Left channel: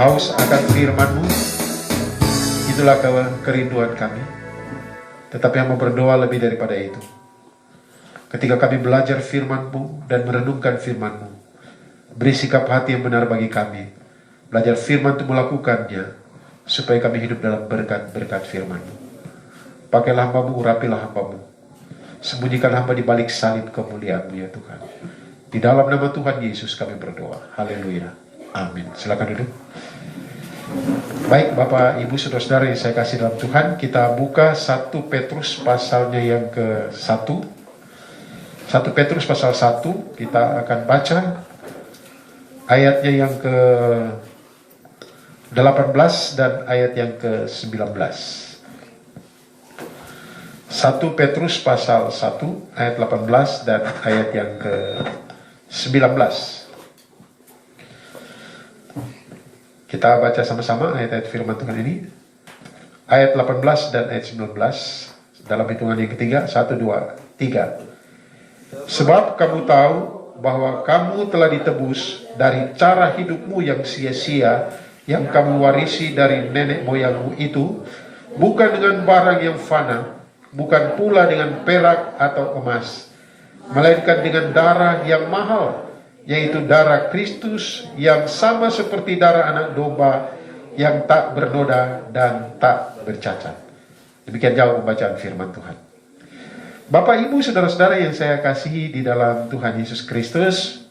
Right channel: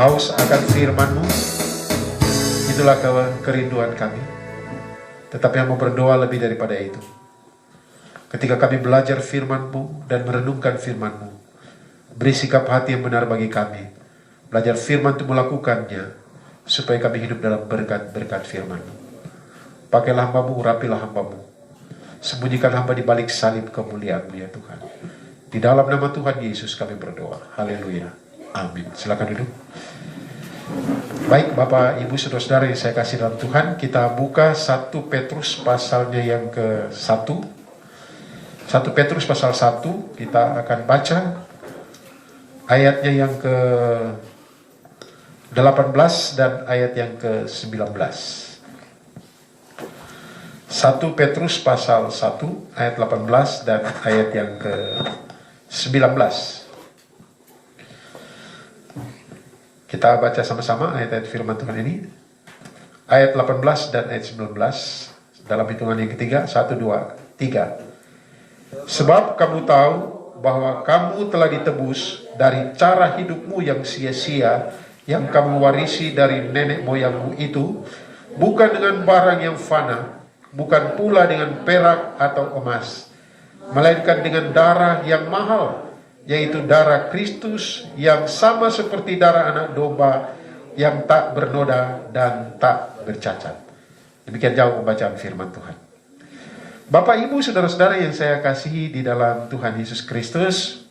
haus akan firman-Mu, itulah kerinduan kami. Tetapi hamba berdoa lebih daripada itu. Ketika kami belajar firman-Mu dan merenungkan firman-Mu, beri sikap hati yang benar bagi kami. Belajar firman untuk melakukannya, supaya kami hidup dalam berkat-berkat firman-Mu. Pakailah hamba-Mu, urapilah hamba-Mu. Sembunyikan hamba di balik salib kemuliaan-Mu ya Tuhan. Di dalam nama Tuhan Yesus kami berdoa. Haleluya. Amin. Silakan duduk. Baik Bapak, Ibu, Saudara-saudara yang saya kasih dalam Tuhan, kita buka 1 Petrus pasalnya yang ke-1. 1 Petrus pasal 1, kita akan baca ayatnya yang ke-18 dan ayat yang ke-19. 1 Petrus pasal 1 ayat 18 dan ayat yang ke-19. Kita baca sama-sama ayat-ayat firman Tuhan ini. Ayat 18 dan ayat 19 dalam hitungan yang ketiga. 1, 2, 3. Sebab kamu tahu bahwa kamu telah ditebus dari cara hidupmu yang sia-sia yang kamu warisi dari nenek moyangmu itu, bukan dengan barang yang fana, bukan pula dengan perak atau emas, melainkan dengan darah yang mahal, yaitu darah Kristus yang sama seperti darah anak domba yang tak bernoda dan tak bercacat. Demikian jauh pembacaan firman Tuhan. Bapak, Ibu, Saudara-saudara yang saya kasihi di dalam Tuhan Yesus Kristus,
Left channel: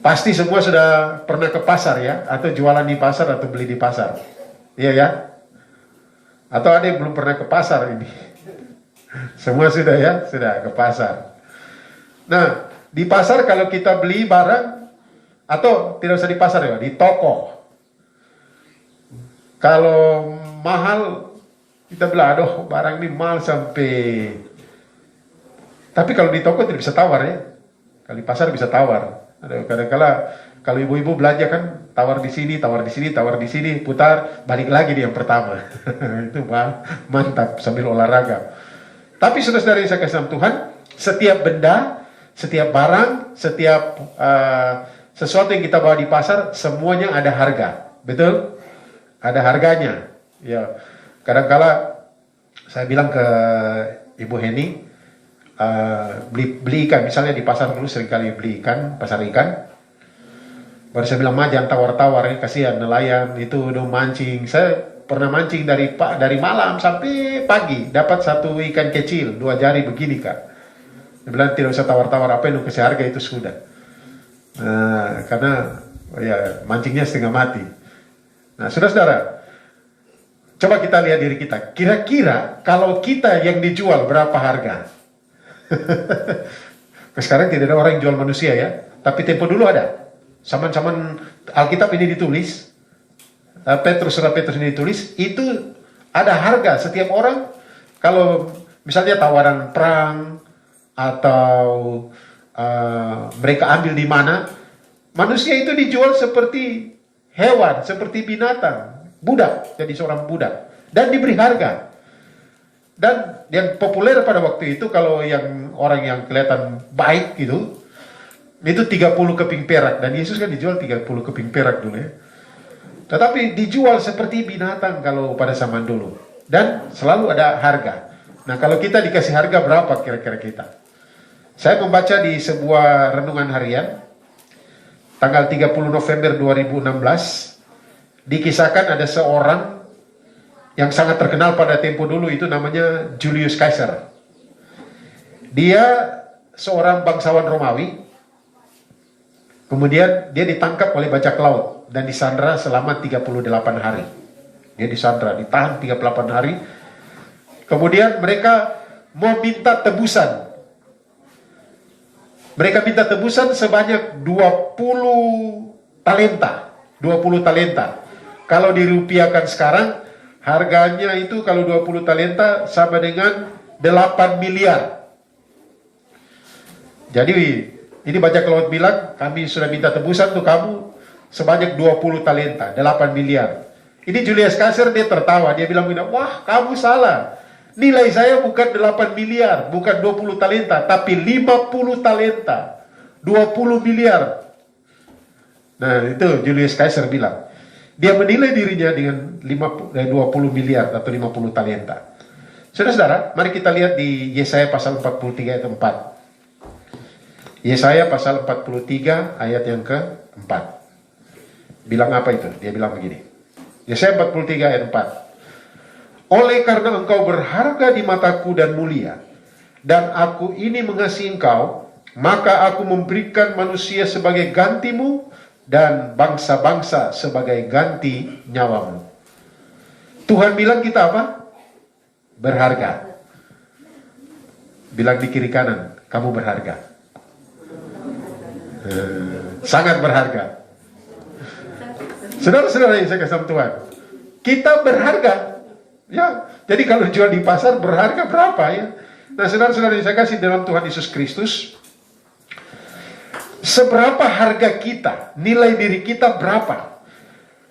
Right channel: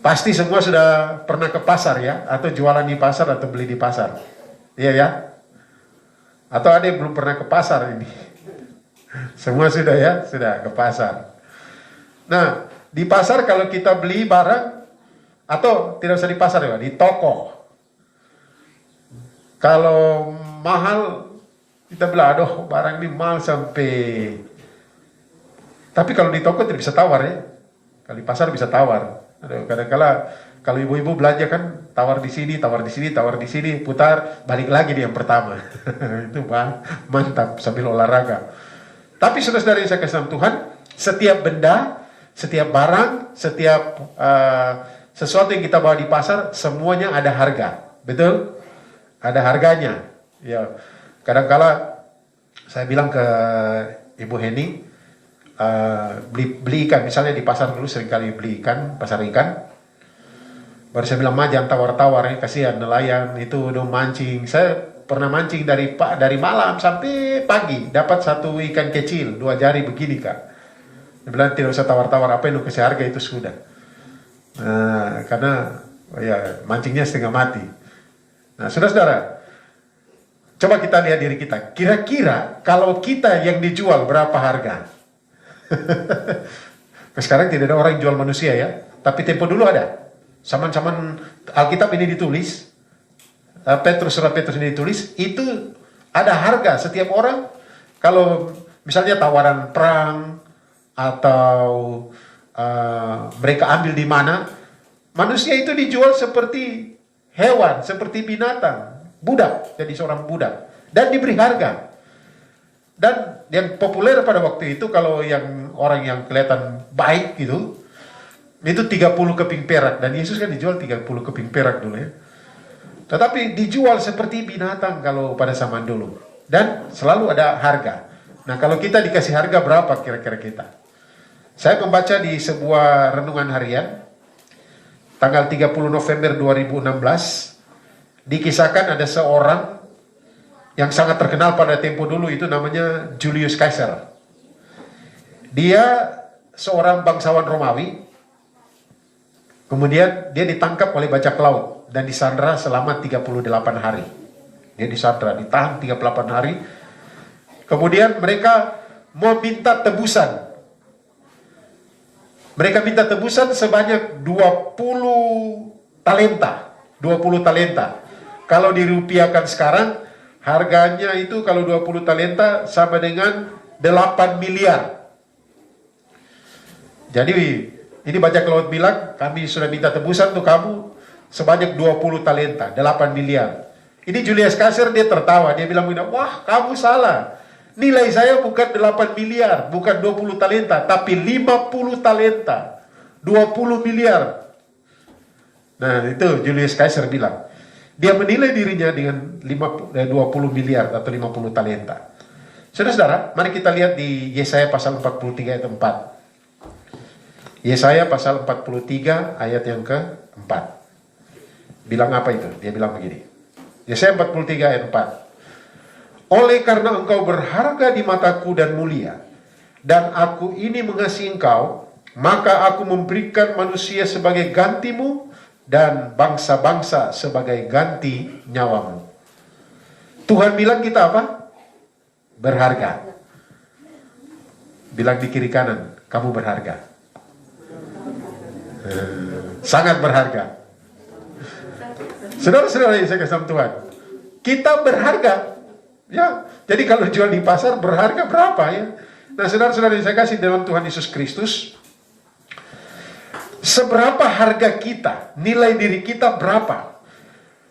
pasti semua sudah pernah ke pasar ya, atau jualan di pasar atau beli di pasar. Iya ya? Atau ada yang belum pernah ke pasar ini? Semua sudah ya, sudah ke pasar. Nah, di pasar kalau kita beli barang, atau tidak usah di pasar ya, di toko. Kalau mahal, kita bilang, aduh barang ini mahal sampai. Tapi kalau di toko tidak bisa tawar ya. Kalau di pasar bisa tawar. Kadang-kadang kalau ibu-ibu belanja kan, tawar di sini, tawar di sini, tawar di sini, putar, balik lagi di yang pertama. Itu mantap sambil olahraga. Tapi saudara-saudara yang saya kasih dalam Tuhan, setiap benda, setiap barang, setiap sesuatu yang kita bawa di pasar, semuanya ada harga. Betul? Ada harganya. Ya. Kadang-kala saya bilang ke Ibu Heni, beli ikan, misalnya di pasar dulu seringkali beli ikan, pasar ikan. Baru saya bilang, jangan tawar-tawar, kasihan nelayan itu udah mancing. Saya pernah mancing dari malam sampai pagi, dapat satu ikan kecil, 2 jari begini Kak. Dia bilang tidak usah tawar-tawar, apa yang kasih harga itu sudah. Karena ya mancingnya setengah mati. Nah, saudara-saudara, coba kita lihat diri kita. Kira-kira kalau kita yang dijual berapa harga? Sekarang tidak ada orang yang jual manusia ya, tapi tempo dulu ada. Zaman-zaman Alkitab ini ditulis, surat Petrus ini ditulis, itu ada harga setiap orang. Kalau misalnya tawaran perang atau mereka ambil di mana, manusia itu dijual seperti hewan, seperti binatang, budak, jadi seorang budak, dan diberi harga. Dan yang populer pada waktu itu, kalau yang orang yang kelihatan baik gitu, itu 30 keping perak. Dan Yesus kan dijual 30 keping perak dulu ya. Tetapi dijual seperti binatang kalau pada zaman dulu. Dan selalu ada harga. Nah, kalau kita dikasih harga berapa kira-kira kita? Saya membaca di sebuah renungan harian, tanggal 30 November 2016, dikisahkan ada seorang yang sangat terkenal pada tempo dulu, itu namanya Julius Caesar. Dia seorang bangsawan Romawi. Kemudian dia ditangkap oleh bajak laut dan disandra selama 38 hari. Dia disandra, ditahan 38 hari. Kemudian mereka mau minta tebusan. Mereka minta tebusan sebanyak 20 talenta. 20 talenta. Kalau dirupiahkan sekarang, harganya itu kalau 20 talenta sama dengan 8 miliar. Jadi ini bajak laut bilang, kami sudah minta tebusan untuk kamu sebanyak 20 talenta, 8 miliar. Ini Julius Caesar, dia tertawa, dia bilang, wah kamu salah. Nilai saya bukan 8 miliar, bukan 20 talenta, tapi 50 talenta, 20 miliar. Nah itu Julius Caesar bilang. Dia menilai dirinya dengan 20 miliar atau 50 talenta. Saudara-saudara, mari kita lihat di Yesaya pasal 43 ayat 4. Yesaya pasal 43 ayat yang ke-4. Bilang apa itu? Dia bilang begini. Yesaya 43 ayat 4. Oleh karena engkau berharga di mataku dan mulia, dan aku ini mengasihi engkau, maka aku memberikan manusia sebagai gantimu, dan bangsa-bangsa sebagai ganti nyawamu. Tuhan bilang kita apa? Berharga. Bilang di kiri kanan, kamu berharga. Sangat berharga. Saudara-saudara yang saya kasih Tuhan, kita berharga. Ya, jadi kalau jual di pasar berharga berapa ya? Nah, saudara-saudara yang saya kasih dalam Tuhan Yesus Kristus, seberapa harga kita, nilai diri kita berapa?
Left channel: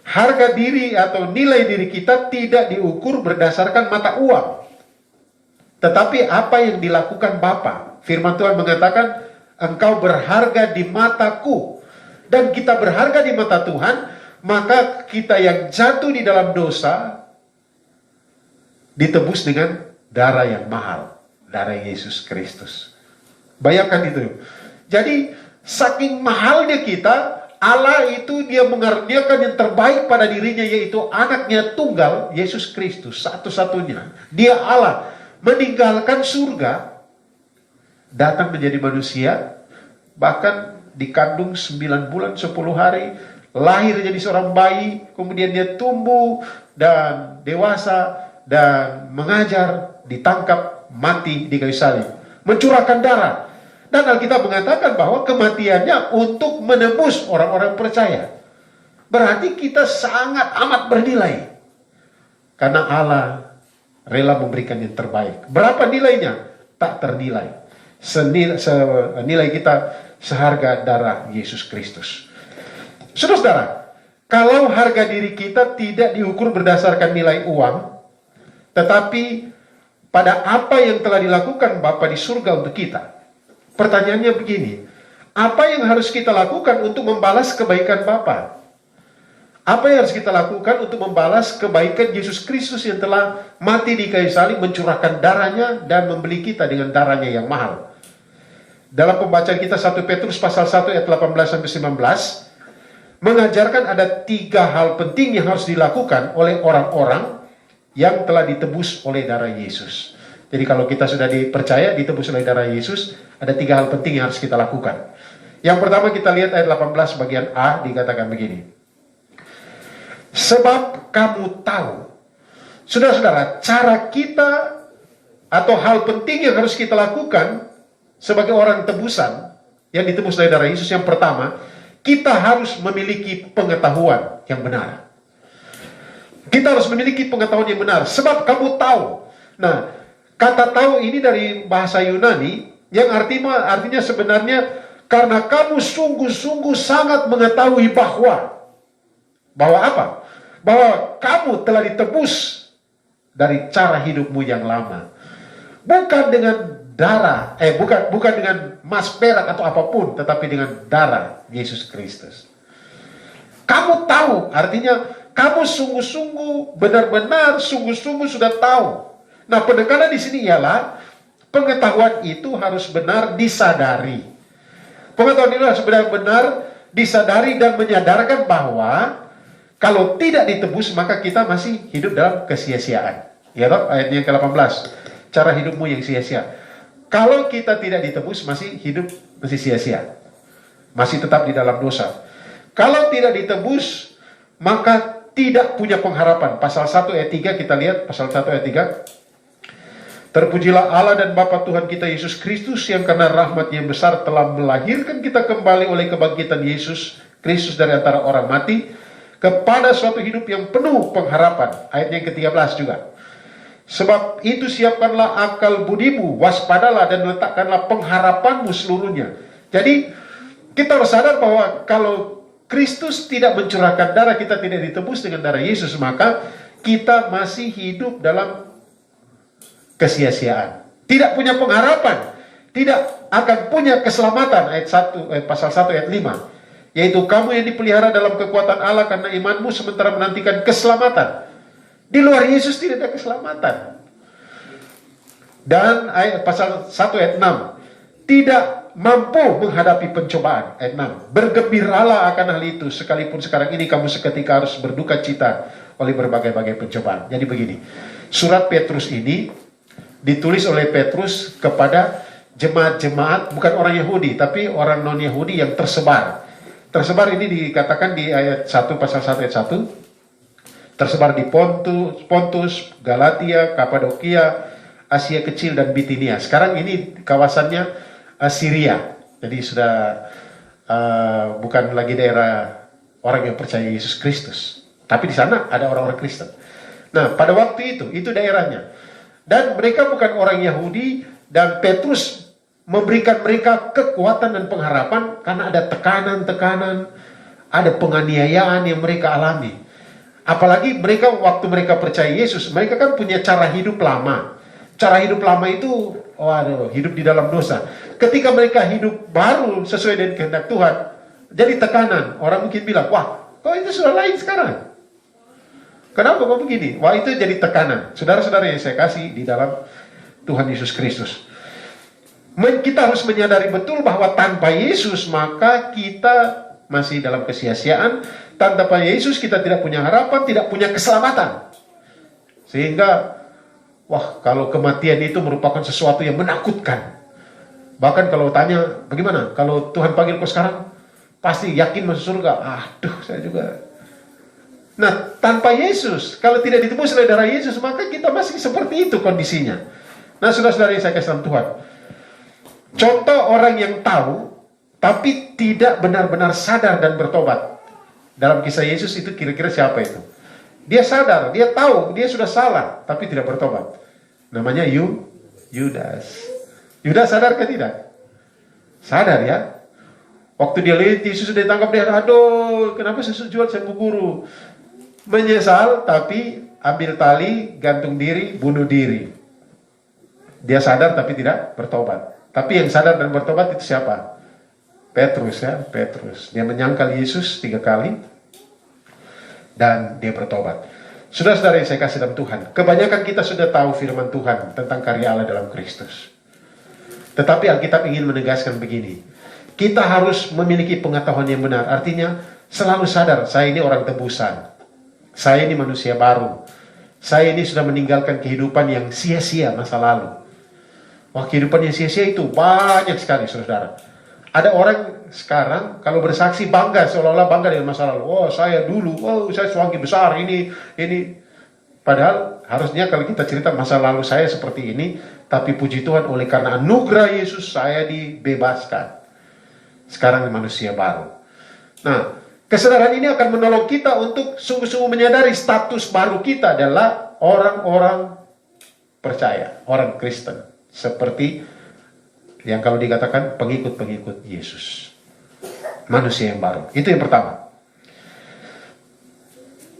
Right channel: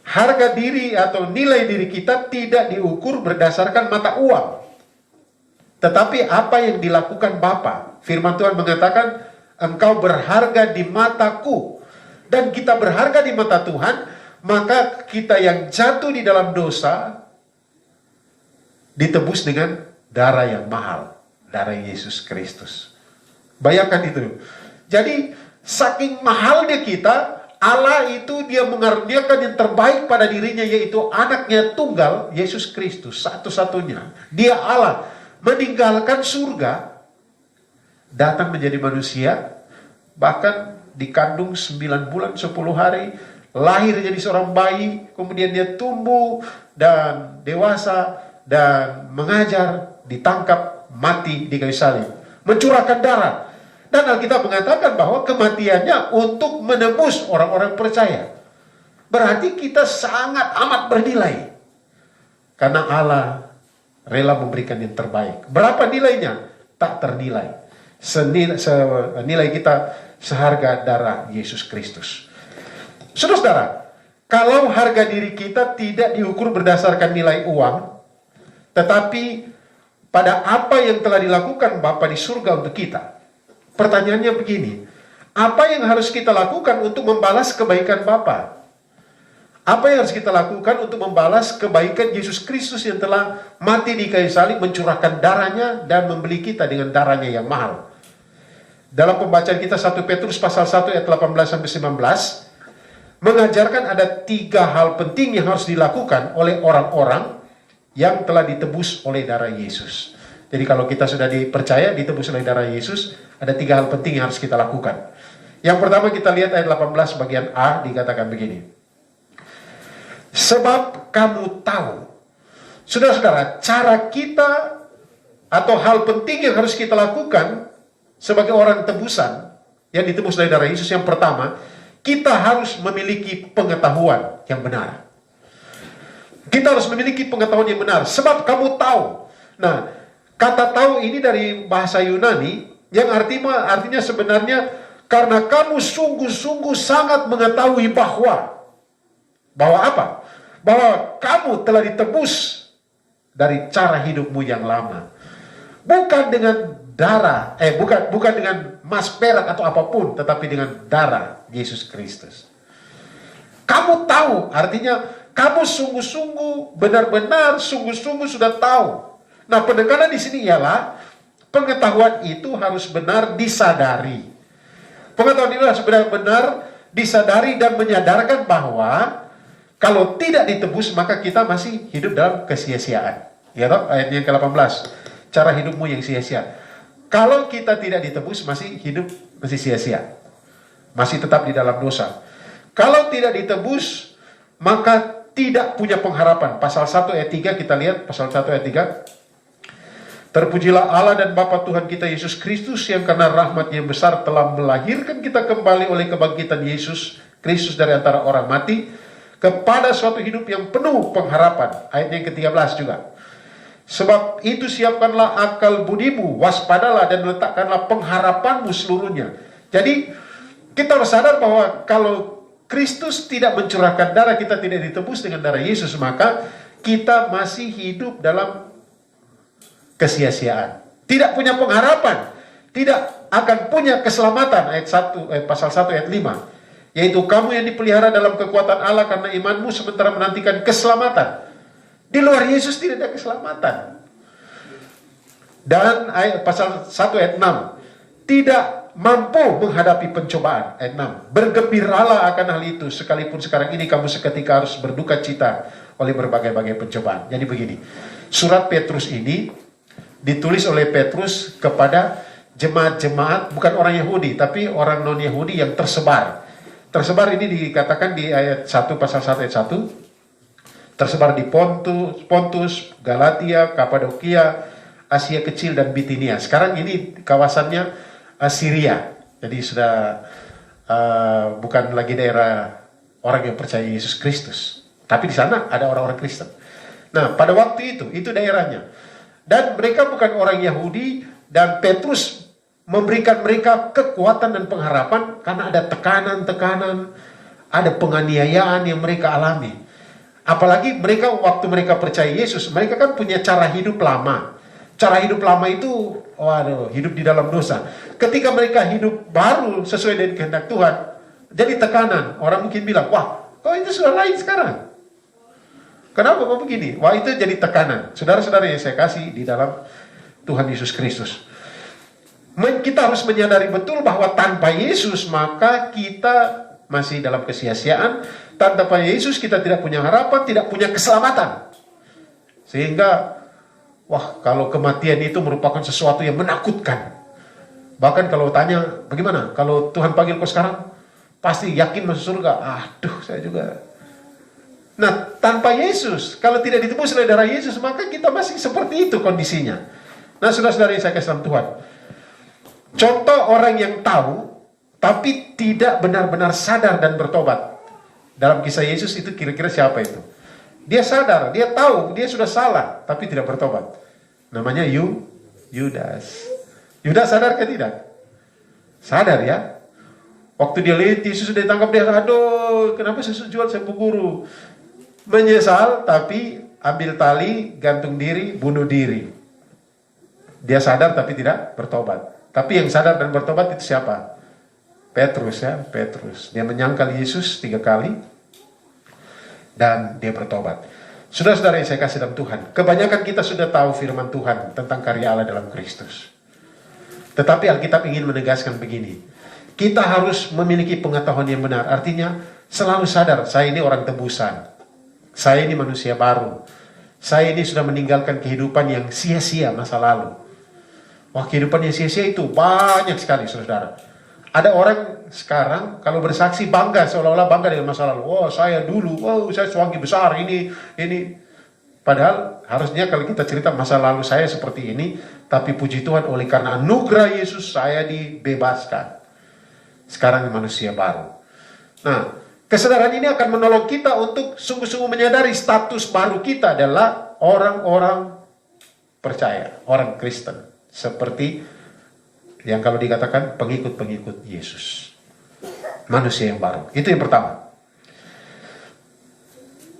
Harga diri atau nilai diri kita tidak diukur berdasarkan mata uang, tetapi apa yang dilakukan Bapa. Firman Tuhan mengatakan, engkau berharga di mataku. Dan kita berharga di mata Tuhan, maka kita yang jatuh di dalam dosa ditebus dengan darah yang mahal, darah Yesus Kristus. Bayangkan itu. Jadi saking mahalnya kita, Allah itu dia mengaruniakan yang terbaik pada dirinya, yaitu anaknya tunggal, Yesus Kristus, satu-satunya. Dia Allah, meninggalkan surga, datang menjadi manusia, bahkan dikandung 9 bulan 10 hari, lahir jadi seorang bayi, kemudian dia tumbuh dan dewasa, dan mengajar, ditangkap, mati di kayu salib, mencurahkan darah. Dan Alkitab mengatakan bahwa kematiannya untuk menebus orang-orang percaya. Berarti kita sangat amat bernilai. Karena Allah rela memberikan yang terbaik. Berapa nilainya? Tak ternilai. Senilai kita seharga darah Yesus Kristus. Saudara-saudara, kalau harga diri kita tidak diukur berdasarkan nilai uang, tetapi pada apa yang telah dilakukan Bapa di surga untuk kita. Pertanyaannya begini, apa yang harus kita lakukan untuk membalas kebaikan Bapa? Apa yang harus kita lakukan untuk membalas kebaikan Yesus Kristus yang telah mati di kayu salib, mencurahkan darahnya dan membeli kita dengan darahnya yang mahal? Dalam pembacaan kita 1 Petrus pasal 1 ayat 18-19 mengajarkan ada 3 hal penting yang harus dilakukan oleh orang-orang yang telah ditebus oleh darah Yesus. Jadi kalau kita sudah dipercaya, ditebus oleh darah Yesus, ada 3 hal penting yang harus kita lakukan. Yang pertama kita lihat ayat 18 bagian A, dikatakan begini. Sebab kamu tahu. Saudara-saudara, cara kita atau hal penting yang harus kita lakukan sebagai orang tebusan yang ditebus oleh darah Yesus, yang pertama, kita harus memiliki pengetahuan yang benar. Kita harus memiliki pengetahuan yang benar. Sebab kamu tahu. Nah, kata tahu ini dari bahasa Yunani yang artinya sebenarnya karena kamu sungguh-sungguh sangat mengetahui bahwa apa? Bahwa kamu telah ditebus dari cara hidupmu yang lama. Bukan dengan darah, bukan dengan emas, perak atau apapun, tetapi dengan darah Yesus Kristus. Kamu tahu, artinya kamu sungguh-sungguh, benar-benar sungguh-sungguh sudah tahu. Nah, penekanan di sini ialah pengetahuan itu harus benar disadari. Pengetahuan itu harus benar-benar disadari dan menyadarkan bahwa kalau tidak ditebus maka kita masih hidup dalam kesia-siaan. Ya toh, ayat yang ke-18. Cara hidupmu yang sia-sia. Kalau kita tidak ditebus masih hidup masih sia-sia. Masih tetap di dalam dosa. Kalau tidak ditebus maka tidak punya pengharapan. Pasal 1 ayat 3 kita lihat, pasal 1 ayat 3. Terpujilah Allah dan Bapa Tuhan kita Yesus Kristus yang karena rahmat yang besar telah melahirkan kita kembali oleh kebangkitan Yesus Kristus dari antara orang mati kepada suatu hidup yang penuh pengharapan. Ayat yang ke-13 juga. Sebab itu siapkanlah akal budimu, waspadalah dan letakkanlah pengharapanmu seluruhnya. Jadi kita harus sadar bahwa kalau Kristus tidak mencurahkan darah, kita tidak ditebus dengan darah Yesus, maka kita masih hidup dalam kesia-siaan. Tidak punya pengharapan. Tidak akan punya keselamatan. Pasal 1 ayat 5. yaitu kamu yang dipelihara dalam kekuatan Allah karena imanmu sementara menantikan keselamatan. Di luar Yesus tidak ada keselamatan. Dan pasal 1 ayat 6, tidak mampu menghadapi pencobaan. Ayat 6, bergembiralah akan hal itu, sekalipun sekarang ini kamu seketika harus berduka cita oleh berbagai-bagai pencobaan. Jadi begini, surat Petrus ini ditulis oleh Petrus kepada jemaat-jemaat, bukan orang Yahudi, tapi orang non-Yahudi yang tersebar. Tersebar ini dikatakan di ayat 1, pasal 1 ayat 1, tersebar di Pontus, Galatia, Kapadokia, Asia Kecil, dan Bitinia. Sekarang ini kawasannya Syria. Jadi sudah bukan lagi daerah orang yang percaya Yesus Kristus. Tapi di sana ada orang-orang Kristen. Nah, pada waktu itu daerahnya. Dan mereka bukan orang Yahudi, dan Petrus memberikan mereka kekuatan dan pengharapan karena ada tekanan-tekanan, ada penganiayaan yang mereka alami. Apalagi mereka waktu mereka percaya Yesus, mereka kan punya cara hidup lama. Cara hidup lama itu, hidup di dalam dosa. Ketika mereka hidup baru sesuai dengan kehendak Tuhan, jadi tekanan. Orang mungkin bilang, wah, kok itu sudah lain sekarang? Kenapa kok begini? Wah, itu jadi tekanan. Saudara-saudara yang saya kasih di dalam Tuhan Yesus Kristus. Kita harus menyadari betul bahwa tanpa Yesus maka kita masih dalam kesia-siaan. Tanpa Yesus kita tidak punya harapan, tidak punya keselamatan. Sehingga, wah, kalau kematian itu merupakan sesuatu yang menakutkan. Bahkan kalau tanya, bagaimana? Kalau Tuhan panggil kau sekarang, pasti yakin masuk surga. Aduh, saya juga. Nah, tanpa Yesus, kalau tidak ditebus oleh darah Yesus, maka kita masih seperti itu kondisinya. Nah, saudara-saudara yang saya kasih dalam Tuhan. Contoh orang yang tahu, tapi tidak benar-benar sadar dan bertobat. Dalam kisah Yesus itu kira-kira siapa itu? Dia sadar, dia tahu, dia sudah salah, tapi tidak bertobat. Namanya Yudas. Yudas sadar ke tidak? Sadar ya. Waktu dia lihat Yesus sudah ditangkap, dia, aduh, kenapa Yesus jual saya guru? Menyesal, tapi ambil tali, gantung diri, bunuh diri. Dia sadar tapi tidak bertobat. Tapi yang sadar dan bertobat itu siapa? Petrus ya, Petrus. Dia menyangkal Yesus 3 kali dan dia bertobat. Saudara-saudara yang saya kasih dalam Tuhan, kebanyakan kita sudah tahu firman Tuhan tentang karya Allah dalam Kristus. Tetapi Alkitab ingin menegaskan begini, kita harus memiliki pengetahuan yang benar. Artinya selalu sadar, saya ini orang tebusan, saya ini manusia baru, saya ini sudah meninggalkan kehidupan yang sia-sia masa lalu. Wah, kehidupan yang sia-sia itu banyak sekali, saudara. Ada orang sekarang kalau bersaksi bangga, seolah-olah bangga dengan masa lalu. Oh, saya dulu, saya suami besar, ini. Padahal harusnya kalau kita cerita masa lalu saya seperti ini, tapi puji Tuhan oleh karena anugerah Yesus saya dibebaskan. Sekarang manusia baru. Nah, kesadaran ini akan menolong kita untuk sungguh-sungguh menyadari status baru kita adalah orang-orang percaya, orang Kristen. Seperti yang kalau dikatakan pengikut-pengikut Yesus. Manusia yang baru. Itu yang pertama.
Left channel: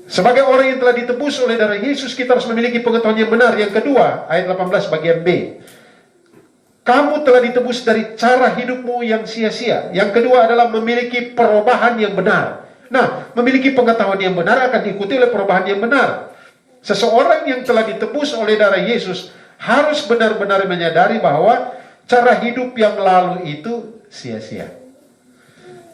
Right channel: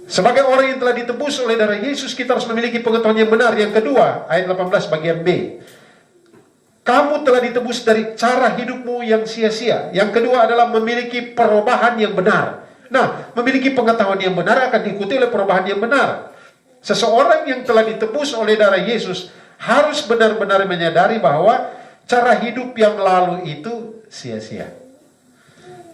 Sebagai orang yang telah ditebus oleh darah Yesus, kita harus memiliki pengetahuan yang benar. Yang kedua, ayat 18 bagian B. Kamu telah ditebus dari cara hidupmu yang sia-sia. Yang kedua adalah memiliki perubahan yang benar. Nah, memiliki pengetahuan yang benar akan diikuti oleh perubahan yang benar. Seseorang yang telah ditebus oleh darah Yesus harus benar-benar menyadari bahwa cara hidup yang lalu itu sia-sia.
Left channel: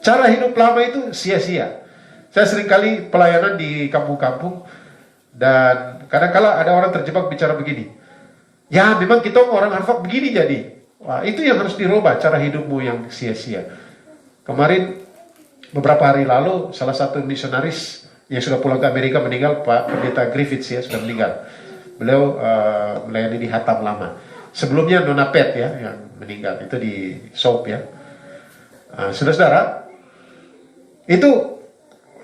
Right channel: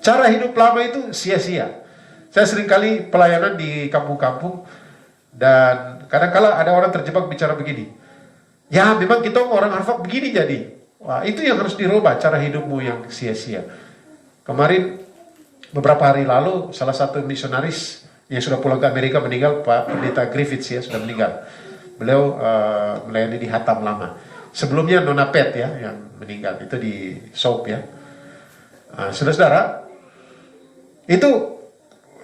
Cara hidup lama itu sia-sia. Saya seringkali pelayanan di kampung-kampung, dan kadang-kala ada orang terjebak bicara begini. Ya, memang kita orang Harvard begini jadi. Wah, itu yang harus dirubah, cara hidupmu yang sia-sia. Kemarin, beberapa hari lalu, salah satu misionaris yang sudah pulang ke Amerika meninggal, Pak Pendeta Griffiths ya, sudah meninggal. Beliau melayani di Hatam Lama. Sebelumnya Nona Pet ya yang meninggal, itu di Soap ya. Saudara-saudara, itu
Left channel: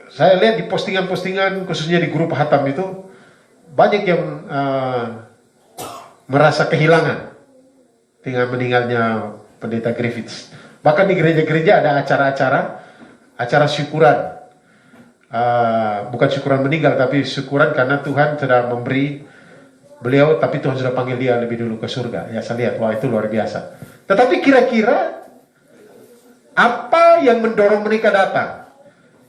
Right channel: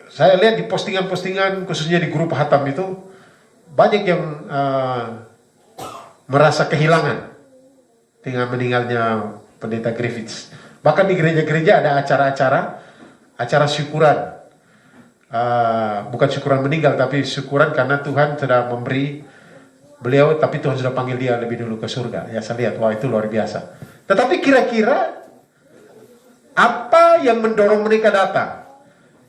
saya lihat di postingan-postingan khususnya di grup Hatam itu banyak yang merasa kehilangan dengan meninggalnya Pendeta Griffiths. Bahkan di gereja-gereja ada acara syukuran. Bukan syukuran meninggal, tapi syukuran karena Tuhan sudah memberi beliau, tapi Tuhan sudah panggil dia lebih dulu ke surga. Ya, saya lihat, wah itu luar biasa. Tetapi kira-kira apa yang mendorong mereka datang?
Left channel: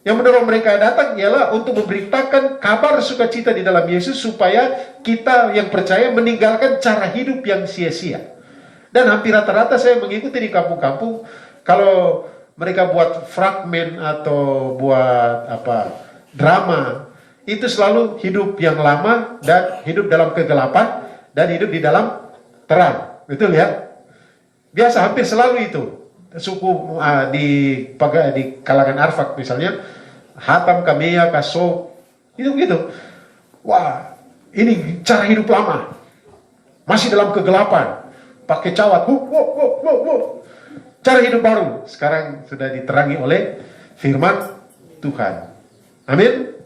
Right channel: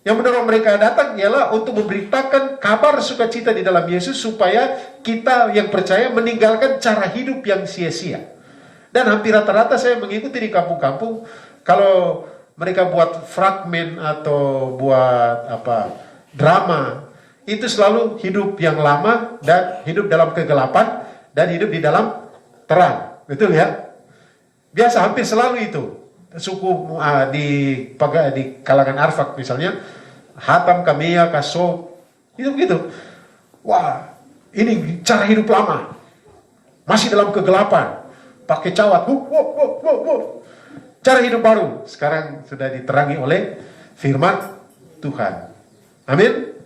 Yang mendorong mereka datang ialah untuk memberitakan kabar sukacita di dalam Yesus supaya kita yang percaya meninggalkan cara hidup yang sia-sia. Dan hampir rata-rata saya mengikuti di kampung-kampung, kalau mereka buat fragmen atau buat drama, itu selalu hidup yang lama dan hidup dalam kegelapan dan hidup di dalam terang. Betul ya? Biasa hampir selalu itu. Suku di kalangan Arfak misalnya, Hatam, Kameya, Kaso, itu begitu. Wah, ini cara hidup lama, masih dalam kegelapan, pakai cawat, cara hidup baru sekarang sudah diterangi oleh firman Tuhan. Amin.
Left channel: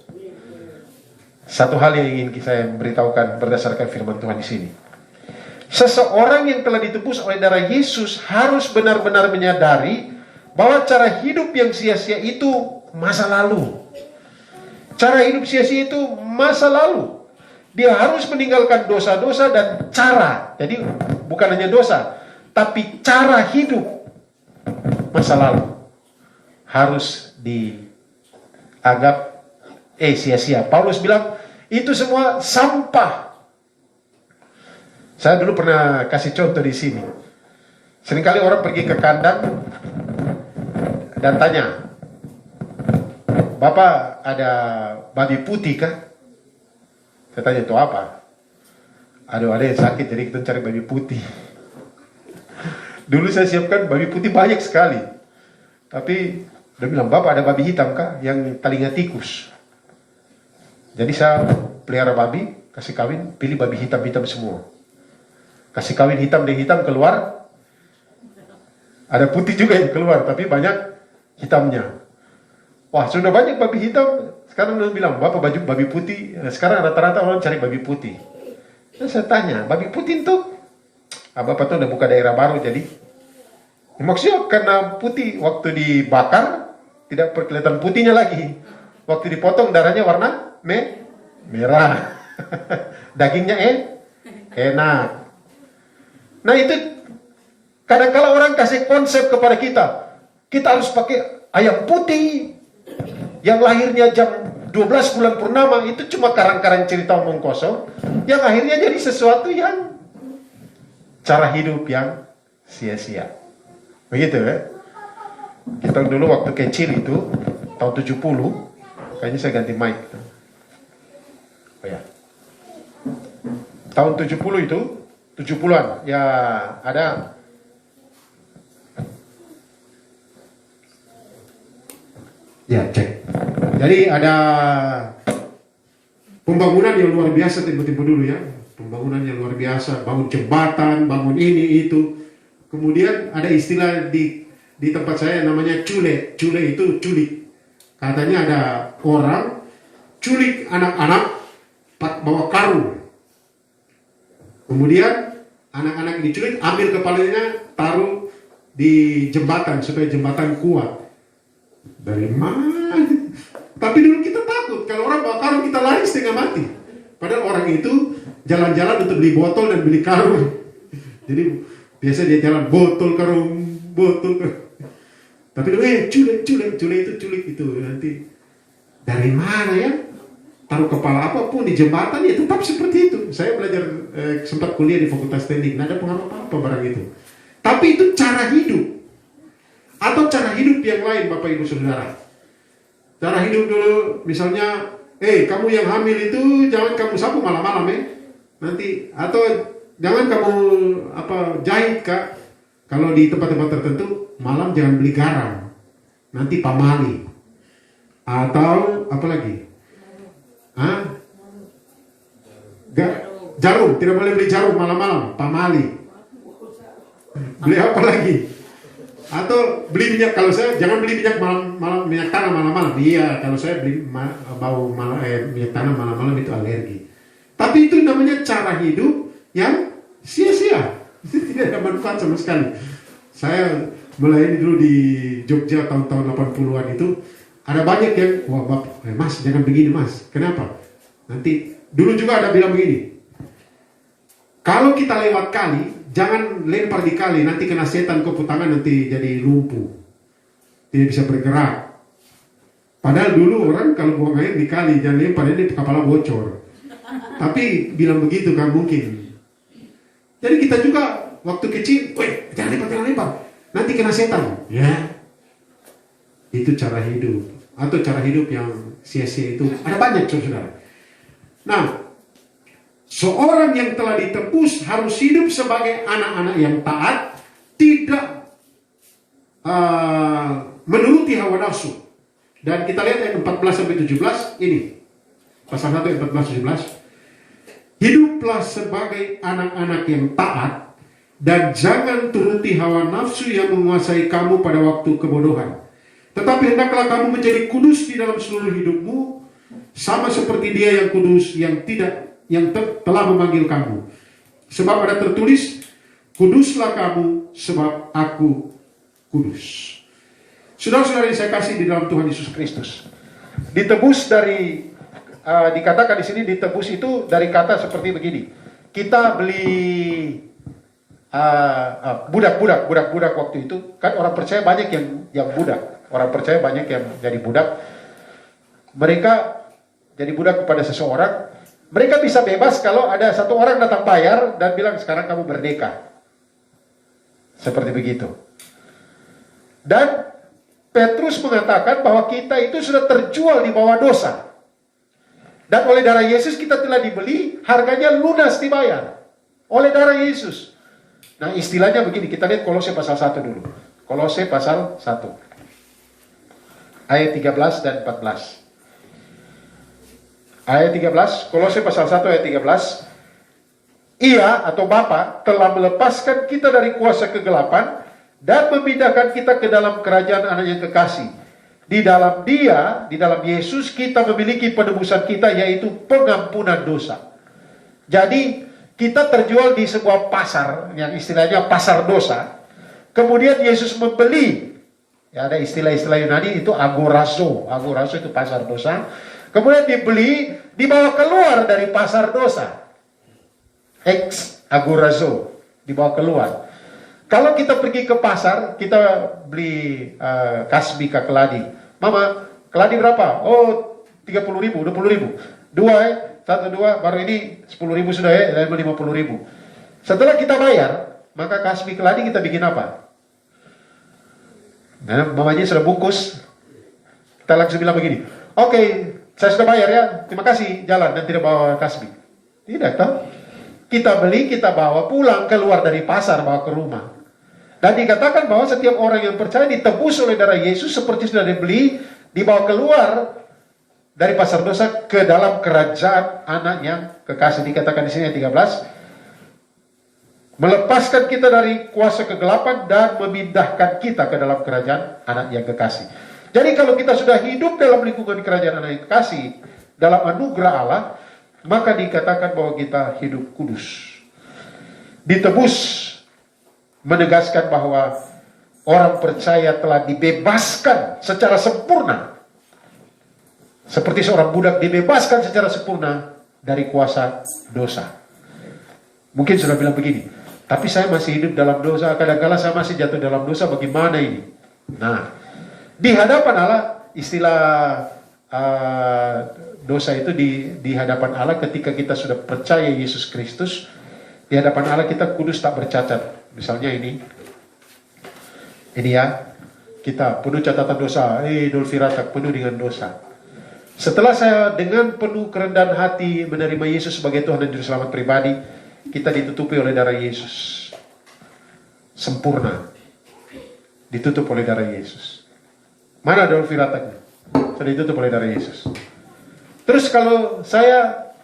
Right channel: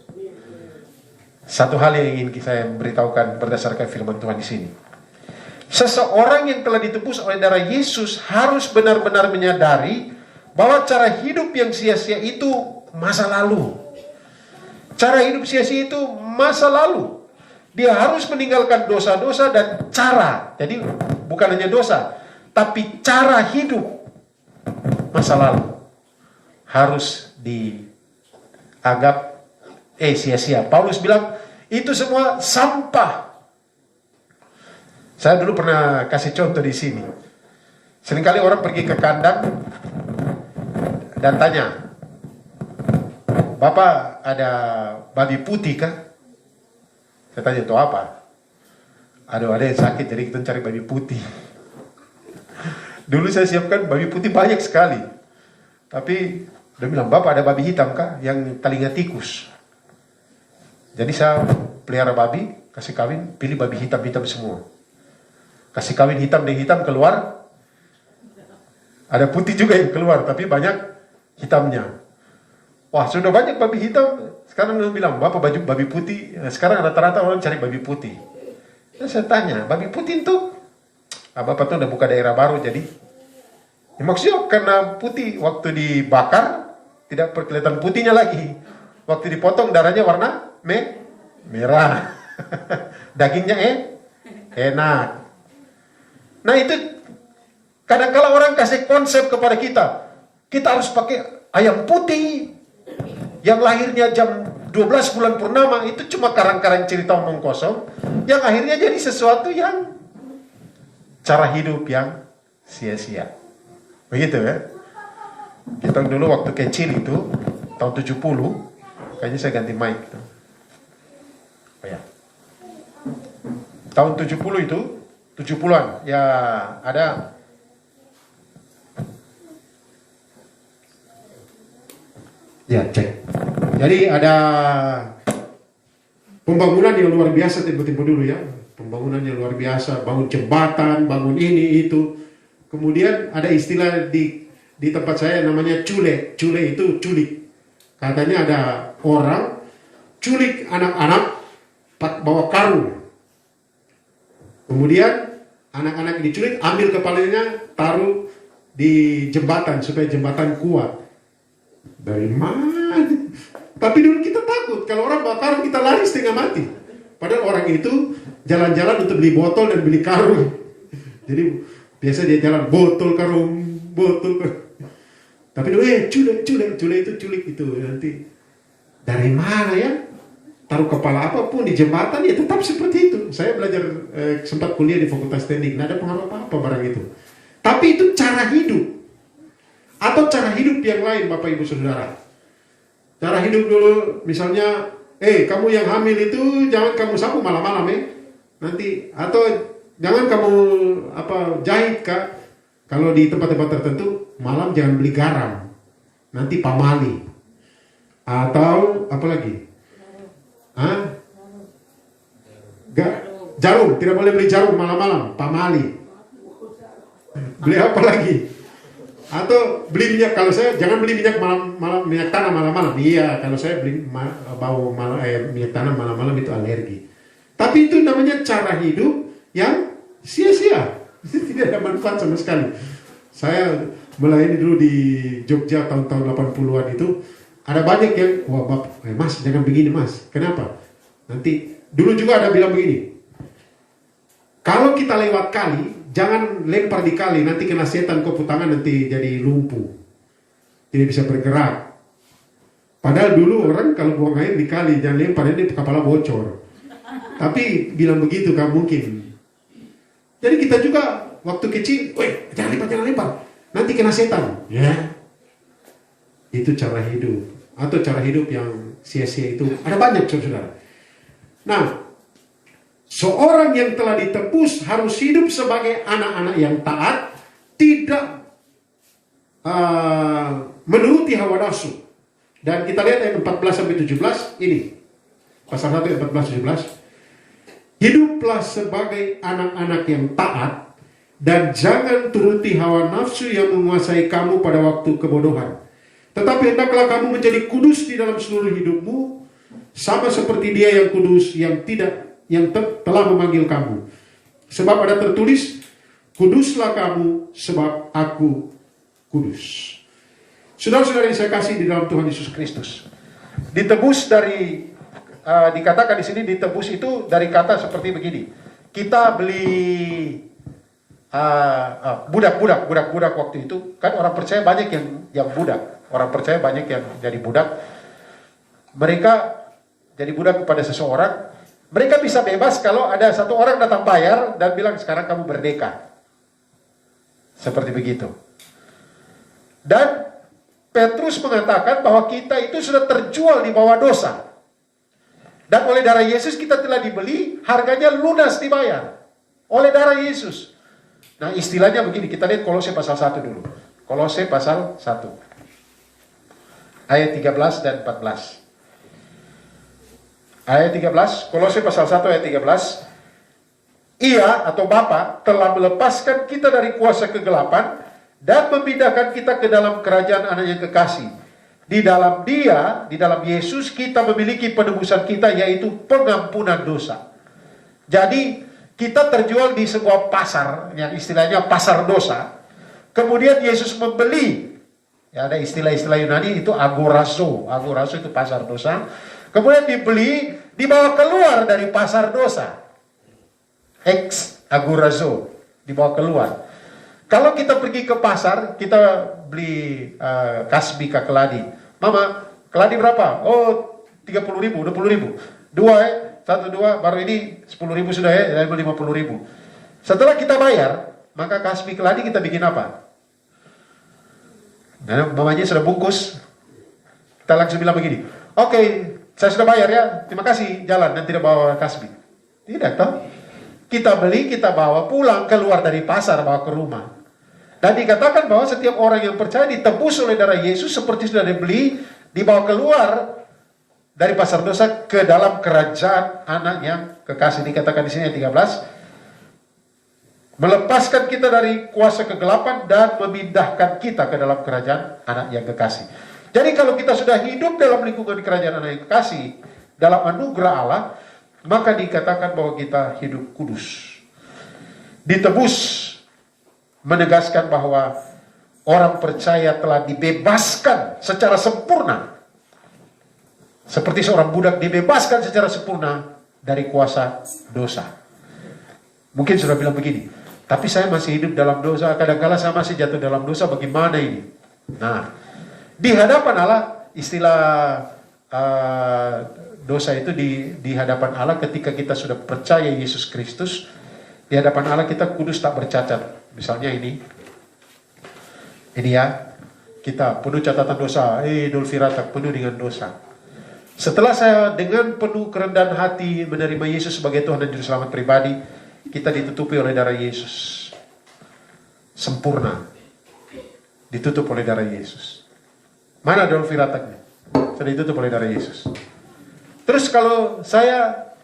Satu hal yang ingin saya beritahukan berdasarkan firman Tuhan di sini. Seseorang yang telah ditebus oleh darah Yesus harus benar-benar menyadari bahwa cara hidup yang sia-sia itu masa lalu. Cara hidup sia-sia itu masa lalu. Dia harus meninggalkan dosa-dosa dan cara. Jadi bukan hanya dosa, tapi cara hidup masa lalu harus dianggap sia-sia. Paulus bilang itu semua sampah. Saya dulu pernah kasih contoh di sini. Seringkali orang pergi ke kandang dan tanya, "Bapak ada babi putih kah?" Saya tanya, "Itu apa?" "Aduh, ada yang sakit jadi kita cari babi putih." Dulu saya siapkan babi putih banyak sekali. Tapi dia bilang, "Bapak ada babi hitam kah? Yang telinga tikus." Jadi saya pelihara babi, kasih kawin, pilih babi hitam-hitam semua. Kasih kawin hitam dan hitam keluar. Ada putih juga yang keluar, tapi banyak hitamnya. Wah, sudah banyak babi hitam. Sekarang dia bilang, "Bapak baju babi putih." Sekarang rata-rata orang cari babi putih. Terus saya tanya, "Babi putih itu?" Bapak tuh udah buka daerah baru jadi. Maksudnya karena putih waktu dibakar tidak kelihatan putihnya lagi. Waktu dipotong darahnya warna merah. Dagingnya enak. Nah itu kadang-kala orang kasih konsep kepada kita. Kita harus pakai ayam putih yang lahirnya jam 12 bulan purnama. Itu cuma karang-karang cerita omong kosong yang akhirnya jadi sesuatu yang cara hidup yang sia-sia. Begitu ya. Kita dulu waktu kecil itu tahun 70, kayaknya saya ganti mic gitu. Oh ya. Tahun 70 itu 70-an ya ada ya cek. Jadi ada pembangunan yang luar biasa tiba-tiba dulu ya. Pembangunan yang luar biasa, bangun jembatan, bangun ini itu. Kemudian ada istilah di tempat saya namanya cule. Cule itu culik. Katanya ada orang culik anak-anak bawa karung. Kemudian anak-anak diculik, ambil kepalanya, taruh di jembatan supaya jembatan kuat. Dari mana? Tapi dulu kita takut kalau orang bawa karung kita lari setengah mati. Padahal orang itu jalan-jalan untuk beli botol dan beli karung. Jadi biasa dia jalan botol karung. Tapi culik itu nanti dari mana ya? Taruh kepala apapun di jembatan ya tetap seperti itu. Saya belajar sempat kuliah di Fakultas Teknik, nggak ada pengaruh apa barang itu. Tapi itu cara hidup atau cara hidup yang lain, Bapak Ibu Saudara. Cara hidup dulu, misalnya, kamu yang hamil itu jangan kamu sapu malam-malam ya. Nanti atau jangan kamu jahit Kak. Kalau di tempat-tempat tertentu malam jangan beli garam. Nanti pamali. Atau apa lagi? Jarum, tidak boleh beli jarum malam-malam, pamali. Beli apa lagi? Atau beli minyak, kalau saya jangan beli minyak minyak tanah malam-malam. Iya, kalau saya beli minyak tanah malam-malam itu alergi. Tapi itu namanya cara hidup yang sia-sia. Tidak ada manfaat sama sekali. Saya melayani dulu di Jogja tahun-tahun 80-an itu. Ada banyak yang, wah Bapak, Mas jangan begini Mas. Kenapa? Nanti, dulu juga ada bilang begini. Kalau kita lewat kali, jangan lempar di kali. Nanti kena setan kopu tangan, nanti jadi lumpuh. Tidak bisa bergerak. Padahal dulu orang kalau buang air di kali, jangan lempar, ini kepala bocor. Tapi bilang begitu gak mungkin. Jadi kita juga waktu kecil, weh jangan lempar, nanti kena setan. Ya, itu cara hidup. Atau cara hidup yang sia-sia itu ada banyak, saudara. Nah, seorang yang telah ditebus harus hidup sebagai anak-anak yang taat, tidak menuruti hawa nafsu. Dan kita lihat ayat 14-17 ini. Pasal 1 ayat 14-17. Hiduplah sebagai anak-anak yang taat dan jangan turuti hawa nafsu yang menguasai kamu pada waktu kebodohan. Tetapi hendaklah kamu menjadi kudus di dalam seluruh hidupmu, sama seperti Dia yang kudus yang telah memanggil kamu. Sebab ada tertulis, kuduslah kamu sebab aku kudus. Saudara-saudara yang saya kasih di dalam Tuhan Yesus Kristus, ditebus dari dikatakan di sini ditebus itu dari kata seperti begini. Kita beli budak waktu itu kan orang percaya banyak yang budak, orang percaya banyak yang jadi budak. Mereka jadi budak kepada seseorang. Mereka bisa bebas kalau ada satu orang datang bayar dan bilang sekarang kamu merdeka. Seperti begitu. Dan Petrus mengatakan bahwa kita itu sudah terjual di bawah dosa. Dan oleh darah Yesus kita telah dibeli, harganya lunas dibayar. Oleh darah Yesus. Nah istilahnya begini, kita lihat Kolose pasal 1 dulu. Kolose pasal 1. Ayat 13 dan 14. Ayat 13, Kolose pasal 1 ayat 13. Ia atau Bapa telah melepaskan kita dari kuasa kegelapan dan memindahkan kita ke dalam kerajaan anak yang kekasih. Di dalam Dia, di dalam Yesus, kita memiliki penebusan kita, yaitu pengampunan dosa. Jadi, kita terjual di sebuah pasar, yang istilahnya pasar dosa. Kemudian Yesus membeli. Ya, ada istilah-istilah Yunani, itu agorazo. Agorazo itu pasar dosa. Kemudian dibeli, dibawa keluar dari pasar dosa. Ex agorazo, dibawa keluar. Kalau kita pergi ke pasar, kita beli kasbi ke keladi. Mama, keladi berapa? Oh, 30.000, 20.000. 2 ya, 1, 2, baru ini 10.000 sudah ya, dan 50.000. Setelah kita bayar, maka kasbi keladi kita bikin apa? Nah, mamanya sudah bungkus. Kita langsung bilang begini, oke, saya sudah bayar ya, terima kasih, jalan, dan tidak bawa kasbi. Tidak, toh? Kita beli, kita bawa pulang, keluar dari pasar, bawa ke rumah. Dan dikatakan bahwa setiap orang yang percaya ditebus oleh darah Yesus seperti sudah dibeli, dibawa keluar dari pasar dosa ke dalam kerajaan anak yang kekasih. Dikatakan di sini ayat 13, melepaskan kita dari kuasa kegelapan dan memindahkan kita ke dalam kerajaan anak yang kekasih. Jadi kalau kita sudah hidup dalam lingkungan kerajaan anak yang kekasih, dalam anugerah Allah, maka dikatakan bahwa kita hidup kudus. Ditebus menegaskan bahwa orang percaya telah dibebaskan secara sempurna. Seperti seorang budak dibebaskan secara sempurna dari kuasa dosa. Mungkin sudah bilang begini, tapi saya masih hidup dalam dosa, kadang-kadang saya masih jatuh dalam dosa, bagaimana ini? Nah, di hadapan Allah, istilah dosa itu di hadapan Allah ketika kita sudah percaya Yesus Kristus, di hadapan Allah kita kudus tak bercacat. Misalnya ini ya, kita penuh catatan dosa, Dolfirata penuh dengan dosa. Setelah saya dengan penuh kerendahan hati menerima Yesus sebagai Tuhan dan Juru Selamat pribadi, kita ditutupi oleh darah Yesus. Sempurna. Ditutup oleh darah Yesus. Mana Dolfiratanya? Sudah ditutup oleh darah Yesus. Terus kalau saya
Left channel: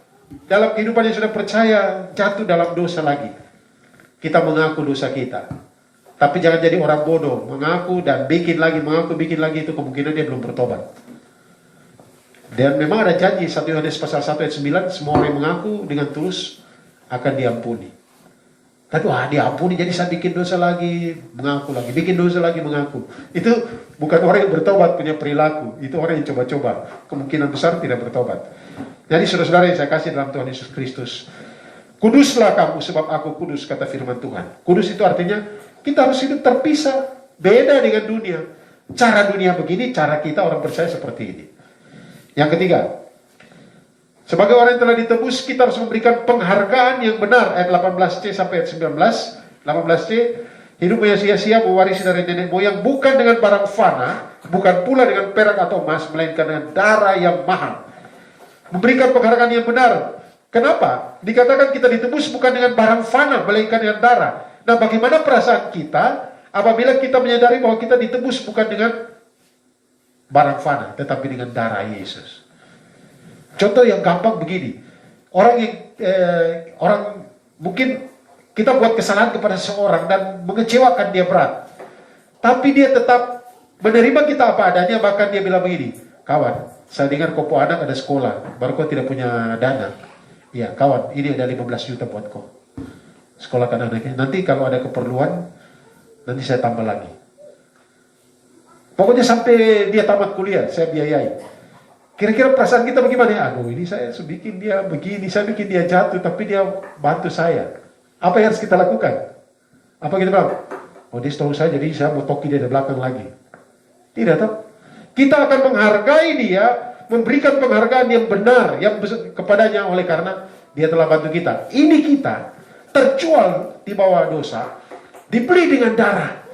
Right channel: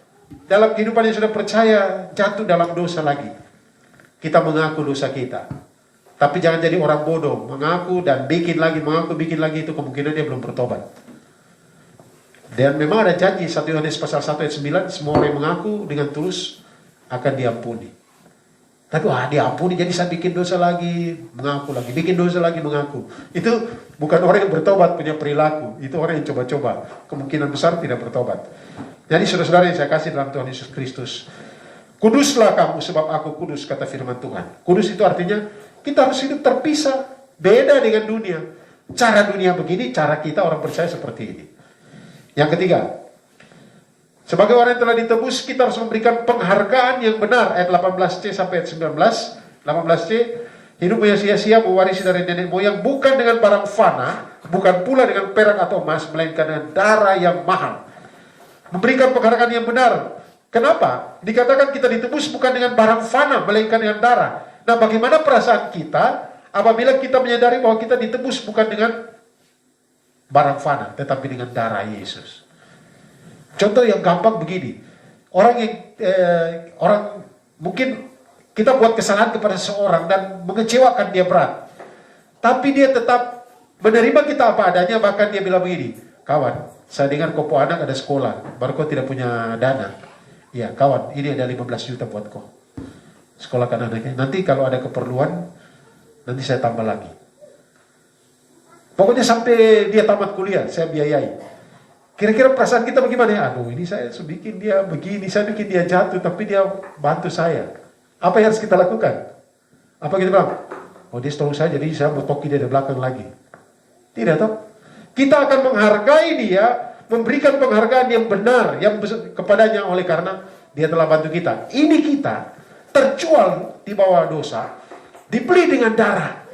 dalam kehidupan yang sudah percaya jatuh dalam dosa lagi, kita mengaku dosa kita. Tapi jangan jadi orang bodoh, mengaku dan bikin lagi, mengaku bikin lagi, itu kemungkinan dia belum bertobat. Dan memang ada janji 1 Yohanes pasal 1 ayat 9, semua orang yang mengaku dengan tulus akan diampuni. Tapi diampuni, jadi saya bikin dosa lagi, mengaku lagi, bikin dosa lagi, mengaku. Itu bukan orang yang bertobat punya perilaku, itu orang yang coba-coba. Kemungkinan besar tidak bertobat. Jadi saudara-saudara yang saya kasih dalam Tuhan Yesus Kristus, kuduslah kamu sebab aku kudus, kata firman Tuhan. Kudus itu artinya kita harus hidup terpisah, beda dengan dunia. Cara dunia begini, cara kita orang percaya seperti ini. Yang ketiga, sebagai orang yang telah ditebus, kita harus memberikan penghargaan yang benar. Ayat 18C sampai ayat 19. 18C, hidup yang sia-sia mewarisi dari nenek moyang, bukan dengan barang fana, bukan pula dengan perak atau emas, melainkan dengan darah yang mahal. Memberikan penghargaan yang benar. Kenapa? Dikatakan kita ditebus bukan dengan barang fana, melainkan dengan darah. Nah, bagaimana perasaan kita apabila kita menyadari bahwa kita ditebus bukan dengan barang fana, tetapi dengan darah Yesus? Contoh yang gampang begini. Orang mungkin kita buat kesalahan kepada seseorang dan mengecewakan dia berat. Tapi dia tetap menerima kita apa adanya, bahkan dia bilang begini, kawan, saya dengar kau anak ada sekolah, baru kau tidak punya dana. Ya kawan, ini ada 15 juta buat kau. Sekolahkan anaknya. Nanti kalau ada keperluan, nanti saya tambah lagi. Pokoknya sampai dia tamat kuliah, saya biayai. Kira-kira perasaan kita bagaimana? Aduh, ini saya bikin dia begini, saya bikin dia jatuh, tapi dia bantu saya. Apa yang harus kita lakukan? Apa kita bilang? Oh, dia tolong saya, jadi saya mau toki dia dari belakang lagi. Tidak tahu. Kita akan menghargai dia, memberikan penghargaan yang benar yang kepadanya oleh karena dia telah bantu kita. Ini kita terjual di bawah dosa, dibeli dengan darah.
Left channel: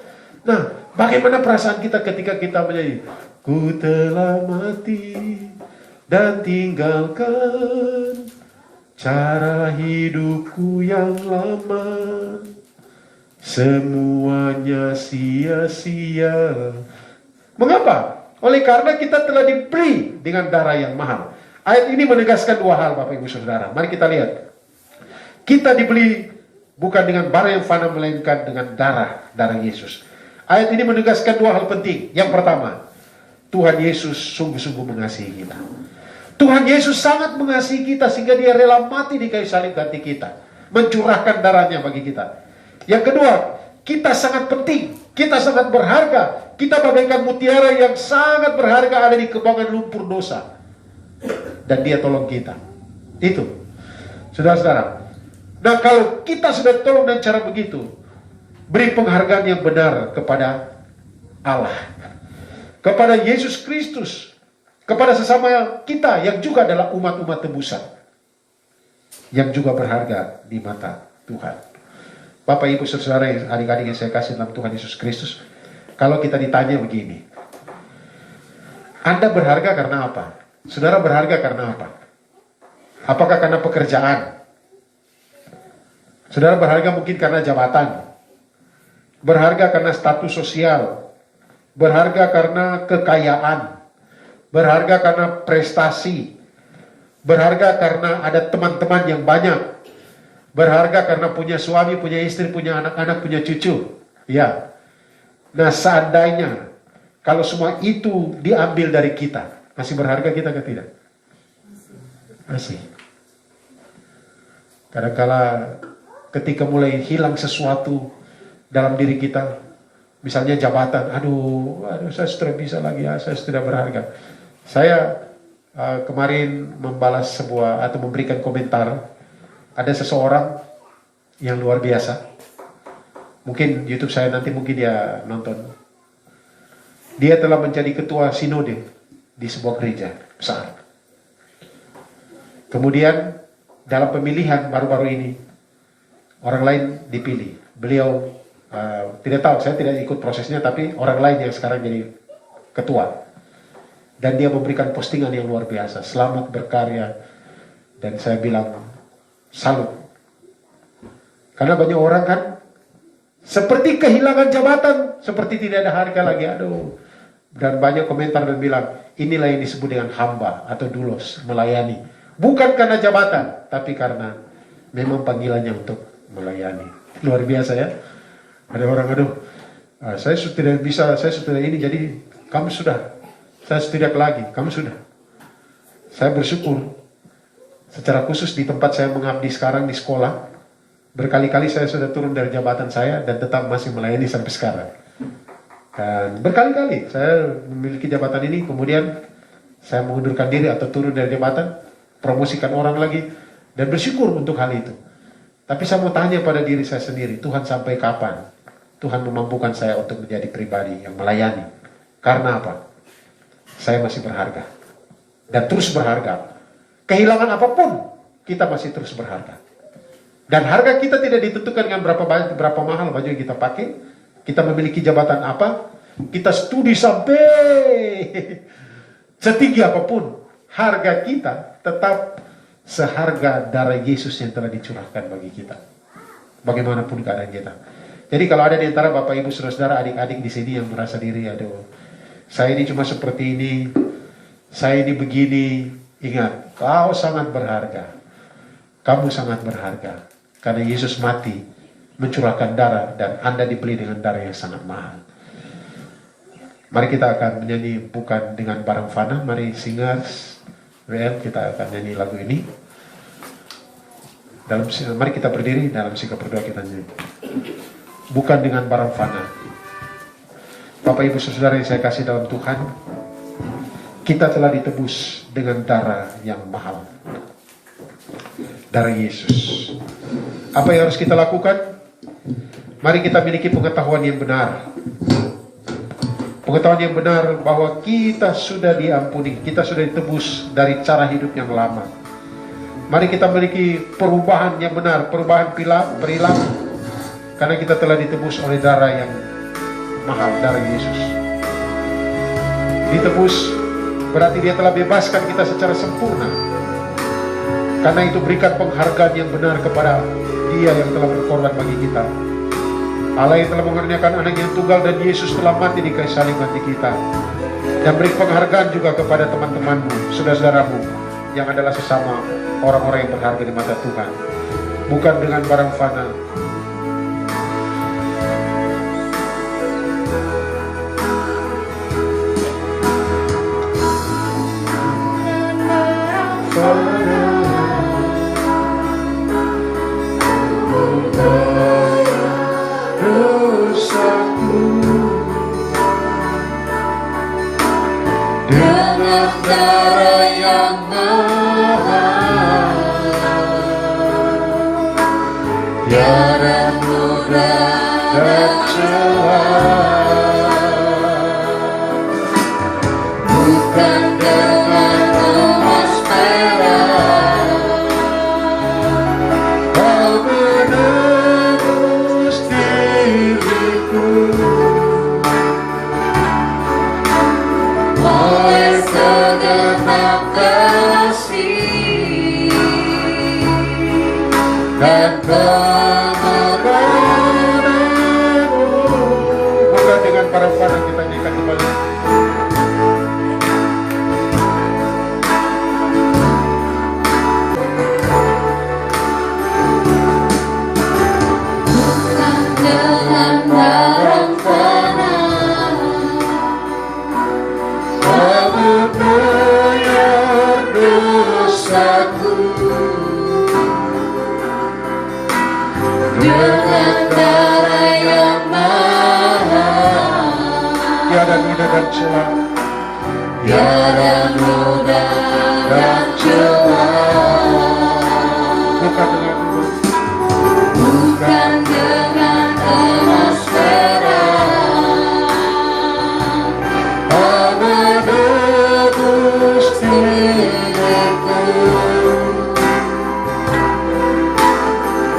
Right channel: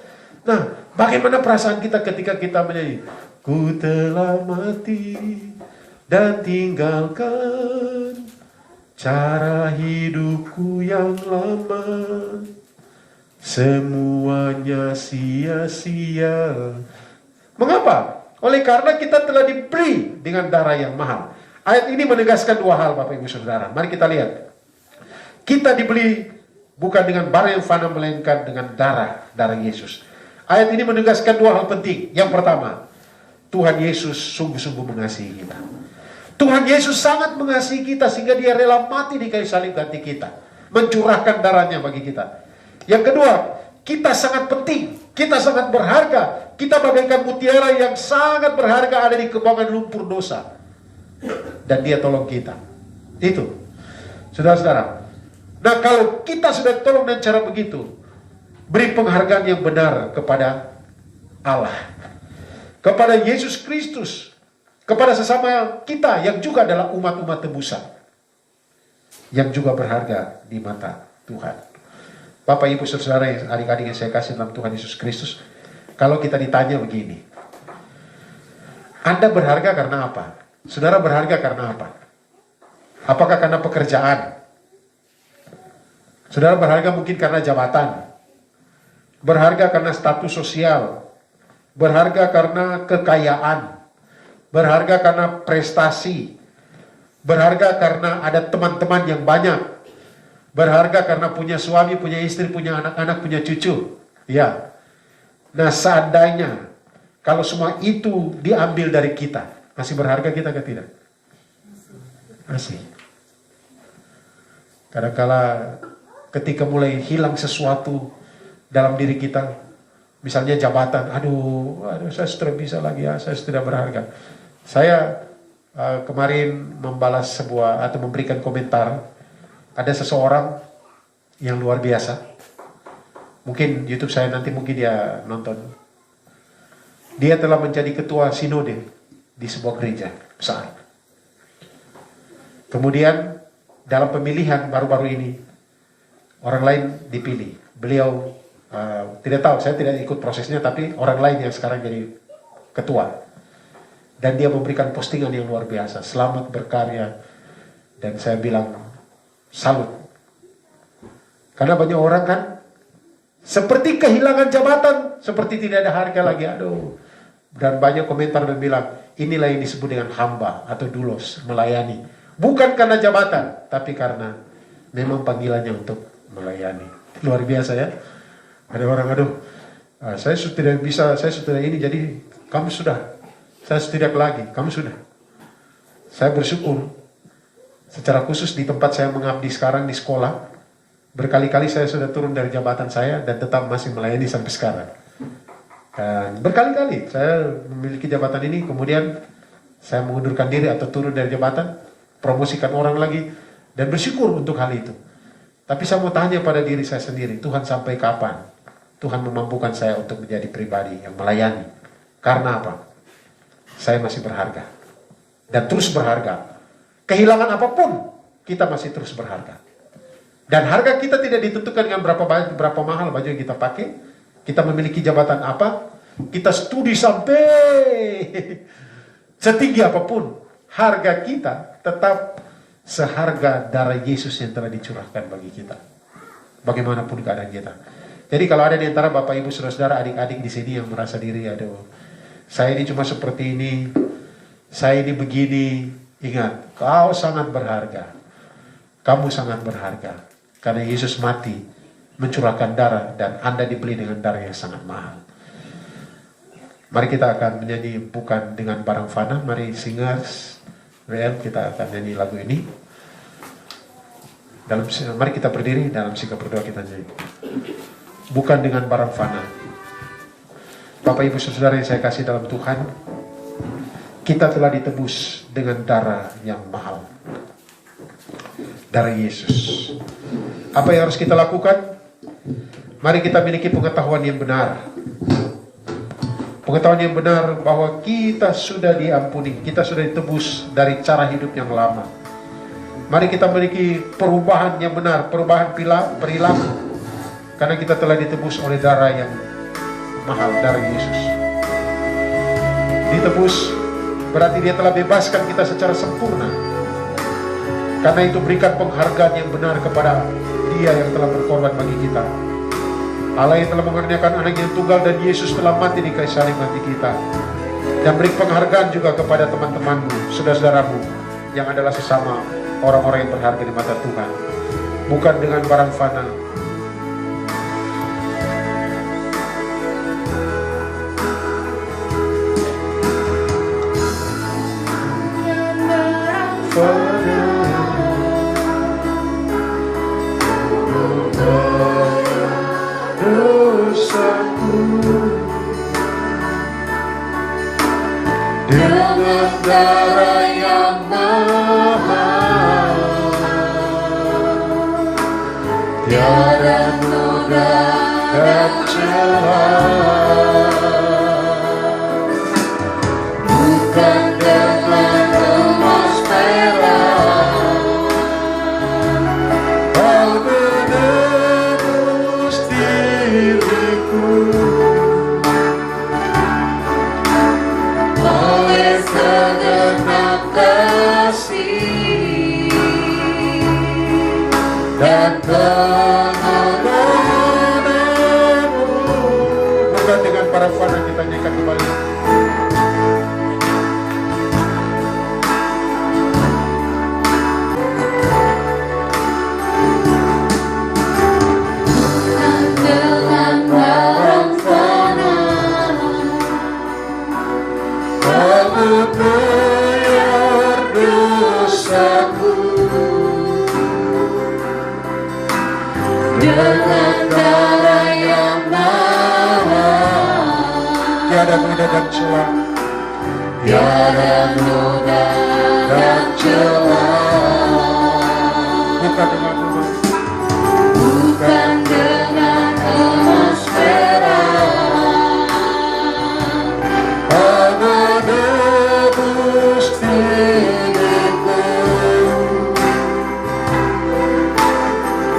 Nah, bagaimana perasaan kita ketika kita menyanyi, ku telah mati dan tinggalkan cara hidupku yang lama, semuanya sia-sia. Mengapa? Oleh karena kita telah dibeli dengan darah yang mahal. Ayat ini menegaskan dua hal, Bapak Ibu Saudara. Mari kita lihat. Kita dibeli bukan dengan barang yang fana, melainkan dengan darah Yesus. Ayat ini menegaskan dua hal penting. Yang pertama, Tuhan Yesus sungguh-sungguh mengasihi kita. Tuhan Yesus sangat mengasihi kita sehingga dia rela mati di kayu salib ganti kita, mencurahkan darahnya bagi kita. Yang kedua, kita sangat penting, kita sangat berharga, kita bagaikan mutiara yang sangat berharga ada di kubangan lumpur dosa, dan dia tolong kita. Itu, saudara-saudara. Nah, kalau kita sudah tolong dengan cara begitu, beri penghargaan yang benar kepada Allah, kepada Yesus Kristus, kepada sesama kita yang juga adalah umat-umat tebusan, yang juga berharga di mata Tuhan. Bapak, Ibu, Saudara, adik-adik yang saya kasih dalam Tuhan Yesus Kristus, kalau kita ditanya begini, Anda berharga karena apa? Saudara berharga karena apa? Apakah karena pekerjaan? Saudara berharga mungkin karena jabatan, berharga karena status sosial, berharga karena kekayaan, berharga karena prestasi, berharga karena ada teman-teman yang banyak, berharga karena punya suami, punya istri, punya anak-anak, punya cucu. Ya. Nah, seandainya kalau semua itu diambil dari kita, masih berharga kita atau tidak? Masih. Kadang-kala ketika mulai hilang sesuatu dalam diri kita, misalnya jabatan, aduh saya sudah bisa lagi ya, saya sudah berharga. Saya kemarin membalas sebuah atau memberikan komentar, ada seseorang yang luar biasa, mungkin YouTube saya nanti mungkin dia nonton. Dia telah menjadi ketua sinode di sebuah gereja besar. Kemudian dalam pemilihan baru-baru ini, orang lain dipilih. Beliau tidak tahu, saya tidak ikut prosesnya, tapi orang lain yang sekarang jadi ketua. Dan dia memberikan postingan yang luar biasa, selamat berkarya. Dan saya bilang, salut. Karena banyak orang kan, seperti kehilangan jabatan, seperti tidak ada harga lagi, aduh. Dan banyak komentar dan bilang, inilah yang disebut dengan hamba atau doulos, melayani. Bukan karena jabatan, tapi karena memang panggilannya untuk melayani. Luar biasa ya. Ada orang, aduh, saya sudah tidak bisa, saya sudah ini, jadi kamu sudah. Saya tidak lagi, kamu sudah. Saya bersyukur. Secara khusus di tempat saya mengabdi sekarang di sekolah, berkali-kali saya sudah turun dari jabatan saya dan tetap masih melayani sampai sekarang. Dan berkali-kali saya memiliki jabatan ini, kemudian saya mengundurkan diri atau turun dari jabatan, promosikan orang lagi, dan bersyukur untuk hal itu. Tapi saya mau tanya pada diri saya sendiri, Tuhan sampai kapan Tuhan memampukan saya untuk menjadi pribadi yang melayani? Karena apa? Saya masih berharga. Dan terus berharga. Kehilangan apapun, kita masih terus berharga. Dan harga kita tidak ditentukan dengan berapa mahal baju yang kita pakai. Kita memiliki jabatan apa? Kita studi sampai setinggi apapun. Harga kita tetap seharga darah Yesus yang telah dicurahkan bagi kita. Bagaimanapun keadaan kita. Jadi kalau ada di antara Bapak Ibu Saudara-saudara adik-adik di sini yang merasa diri, aduh, saya ini cuma seperti ini, saya ini begini, ingat, kau sangat berharga. Kamu sangat berharga. Karena Yesus mati, mencurahkan darah, dan Anda dibeli dengan darah yang sangat mahal. Mari kita akan menyanyi bukan dengan barang fana. Mari singers, WL, kita akan nyanyi lagu ini. Mari kita berdiri dalam sikap berdoa kita nyanyi. Bukan dengan barang fana. Bapak Ibu Saudara yang saya kasih dalam Tuhan, kita telah ditebus dengan darah yang mahal. Darah Yesus. Apa yang harus kita lakukan? Mari kita miliki pengetahuan yang benar. Pengetahuan yang benar bahwa kita sudah diampuni, kita sudah ditebus dari cara hidup yang lama. Mari kita miliki perubahan yang benar, perubahan perilaku. Karena kita telah ditebus oleh darah yang mahal, darah Yesus. Ditebus berarti dia telah bebaskan kita secara sempurna. Karena itu berikan penghargaan yang benar kepada dia yang telah berkorban bagi kita. Allah yang telah mengaruniakan anak yang tunggal dan Yesus telah mati di kayu salib bagi kita. Dan beri penghargaan juga kepada teman-temanmu, saudara-saudaramu yang adalah sesama orang-orang yang berharga di mata Tuhan. Bukan dengan barang fana. Dengan darah yang mahal, tiada noda dan celah. Bukan dengan emas perak, kau menebus diriku. Oleh segenap kasih dan pengorbananmu. Bukan dengan para fana, kita nyanyikan kembali. Bukan dengan barang fana, kamu bayar dosaku. Dengan darah yang mahal, Tiada noda dan celah. tiada noda dan celah. Bukan dengan emas. Bukan dengan emas perak, Kau menebus diriku.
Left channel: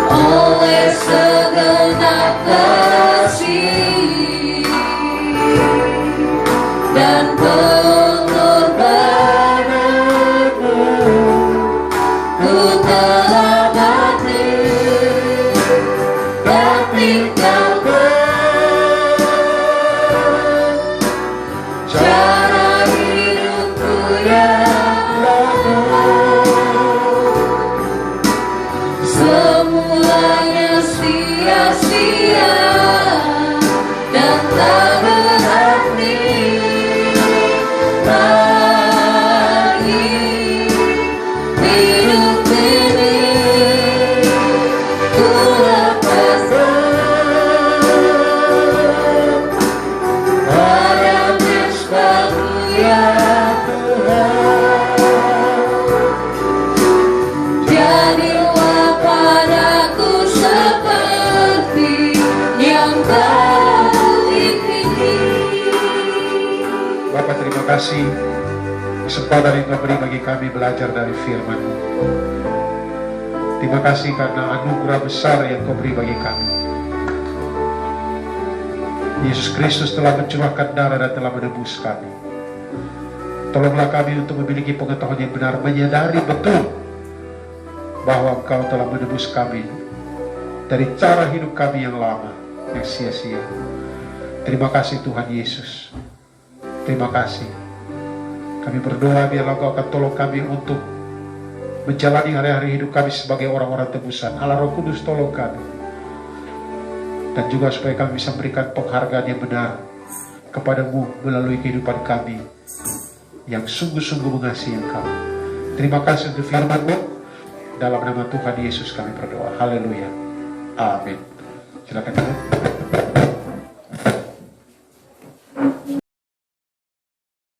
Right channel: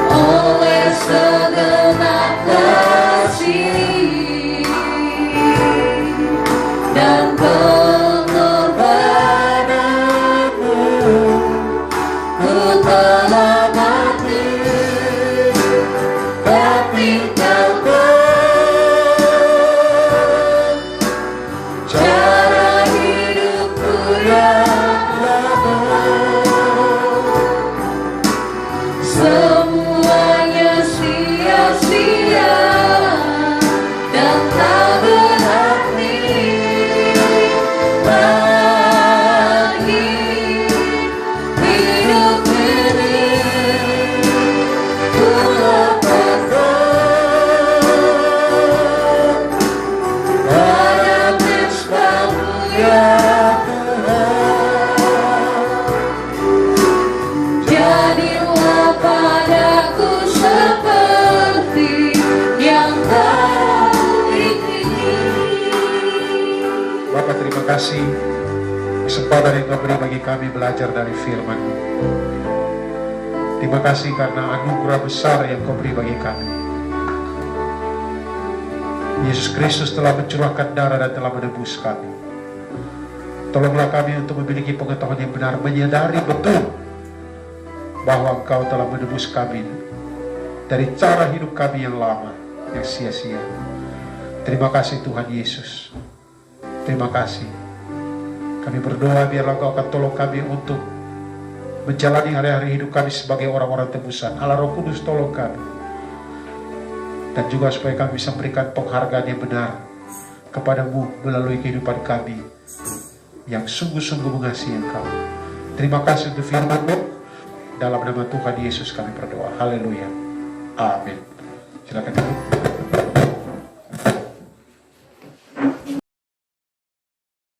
Oleh segenap kasih dan pengorbananmu, ku telah kasih kesempatan yang Kau beri bagi kami belajar dari firman-Mu. Terima kasih karena anugerah besar yang Kau beri bagi kami. Yesus Kristus telah mencurahkan darah dan telah menebus kami. Tolonglah kami untuk memiliki pengetahuan yang benar, menyadari betul bahwa Engkau telah menebus kami dari cara hidup kami yang lama, yang sia-sia. Terima kasih Tuhan Yesus. Terima kasih. Kami berdoa biarlah Engkau akan tolong kami untuk menjalani hari-hari hidup kami sebagai orang-orang tebusan. Allah Roh Kudus tolong kami. Dan juga supaya kami bisa memberikan penghargaan yang benar kepada-Mu melalui kehidupan kami yang sungguh-sungguh mengasihi Engkau. Terima kasih untuk firman-Mu. Dalam nama Tuhan Yesus kami berdoa. Haleluya. Amin. Silakan.